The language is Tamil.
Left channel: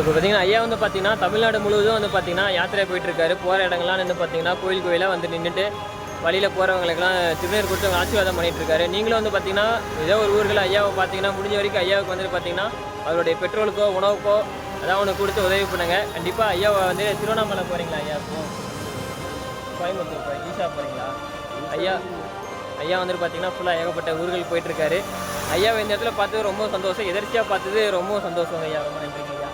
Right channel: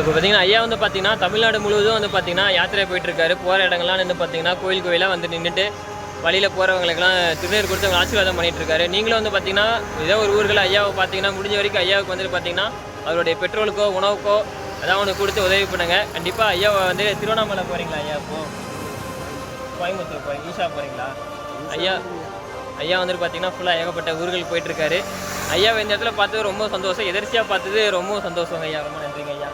இப்போ பார்த்தீங்கன்னா ஐயா வந்து பார்த்தீங்கன்னா தமிழ்நாடு முழுவதும் வந்து பார்த்தீங்கன்னா யாத்திரை போயிட்டுருக்காரு. போகிற இடங்கள்லாம் வந்து பார்த்தீங்கன்னா கோயில் கோயிலாக வந்து நின்றுட்டு வழியில் போகிறவங்களுக்கெல்லாம் திருநீர் கொடுத்து அவங்க ஆசீர்வாதம் பண்ணிகிட்டு இருக்காரு. நீங்களும் வந்து பார்த்தீங்கன்னா ஏதோ ஒரு ஊர்களில் ஐயாவை பார்த்தீங்கன்னா முடிஞ்ச வரைக்கும் ஐயாவுக்கு வந்துட்டு பார்த்தீங்கன்னா அவருடைய பெட்ரோலுக்கோ உணவுக்கோ அதான் ஒன்று கொடுத்து உதவி பண்ணுங்க. கண்டிப்பாக ஐயாவை வந்து திருவண்ணாமலை போகிறீங்களா ஐயா? இப்போ கோயம்புத்தூர் போகிறீங்க, ஈஷா போகிறீங்களா ஐயா? ஐயா வந்துட்டு பார்த்தீங்கன்னா ஃபுல்லாக ஏகப்பட்ட ஊர்கள் போயிட்டுருக்காரு. ஐயாவை இந்த இடத்துல பார்த்தது ரொம்ப சந்தோஷம். எதிர்ச்சியாக பார்த்தது ரொம்ப சந்தோஷங்க ஐயா. ரொம்ப நன்றிங்க ஐயா.